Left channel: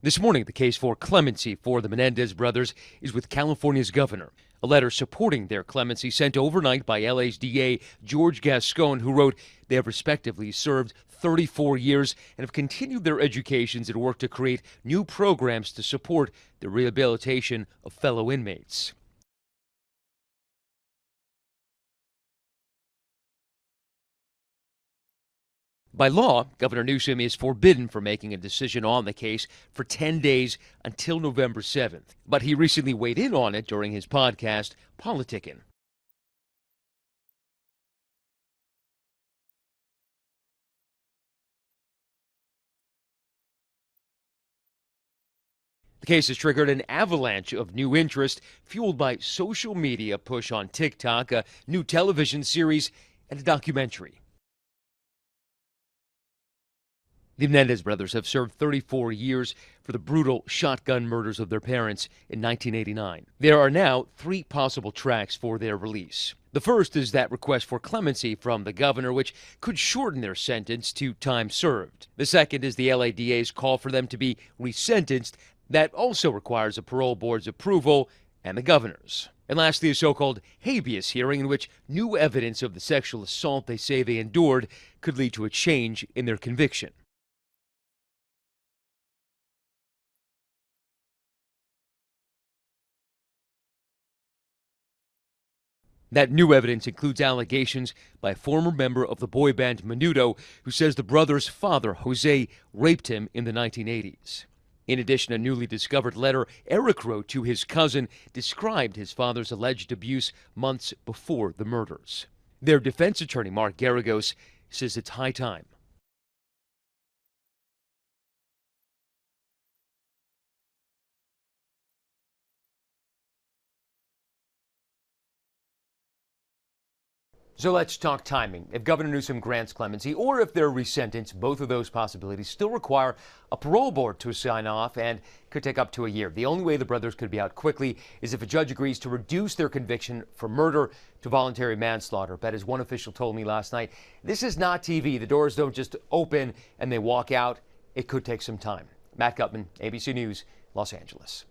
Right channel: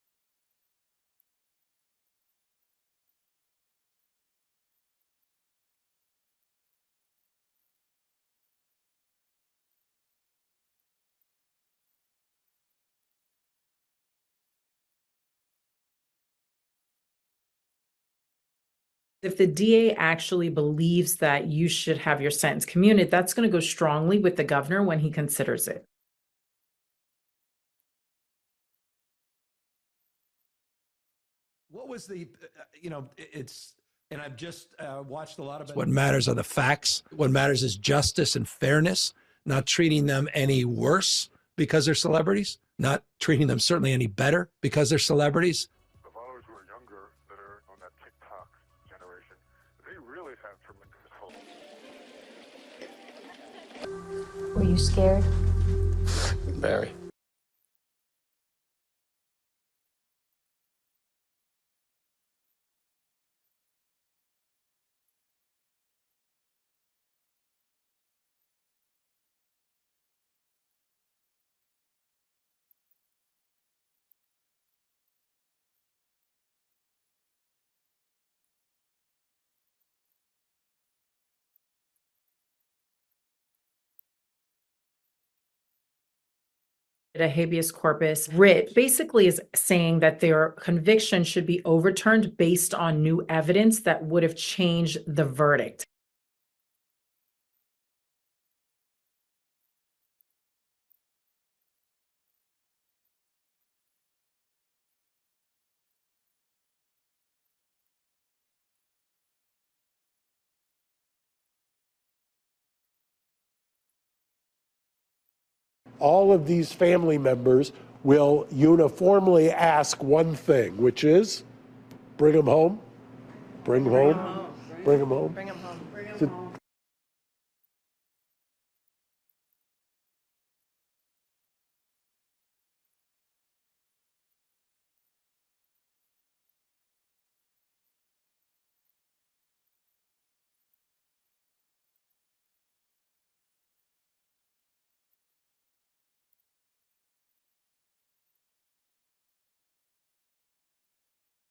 This morning, the case for clemency for the Menendez brothers is with California's governor. A letter supporting their clemency sent overnight by LA's DA George Gascon, who wrote they have respectively served 34 years and have continued their educations and work to create new programs to support the rehabilitation of fellow inmates. If the DA actually believes that you should have your sentence commuted, that's going to go strongly with the governor when he considers it. By law, Governor Newsom is forbidden from making a decision on the case for 10 days until November 7th. But he recently weighed in on it during his podcast, Politicking. What matters are the facts. What matters is justice and fairness, not treating them any worse because they're celebrities, not treating them certainly any better because they're celebrities. The case has triggered an avalanche of new interest, fueled by social media push on TikTok, a new television series, and a documentary. Were you scared? Very. The Menendez brothers have served 34 years for the brutal shotgun murders of their parents in 1989. There are now 3 possible tracks for their release. The first is that request for clemency from the governor, which could shorten their sentence to time served. The second is the LADA's call for them to be resentenced. That also requires a parole board's approval and the governor's. And lastly, a so-called habeas hearing in which new evidence of the sexual assault they say they endured could lead to a change in their conviction. A habeas corpus writ basically is saying that their conviction should be overturned based on new evidence that would have changed the verdict. That new evidence includes allegations by a former member of the boy band Menudo, who says the brother's father, Jose, raped him in the 1980s. In addition, a newly discovered letter Erik wrote to his cousin described his father's alleged abuse months before the murders. Their defense attorney, Mark Garagos, says it's high time. All of these family members will uniformly ask one thing, which is bring them home, bring them home, bring them home. So let's talk timing. If Governor Newsom grants clemency or if they're resentenced, both of those possibilities still require a parole board to sign off and could take up to a year. The only way the brothers could be out quickly is if a judge agrees to reduce their conviction from murder to voluntary manslaughter. But as one official told me last night, this is not TV. The doors don't just open and they walk out. It could take some time. Matt Gutman, ABC News, Los Angeles.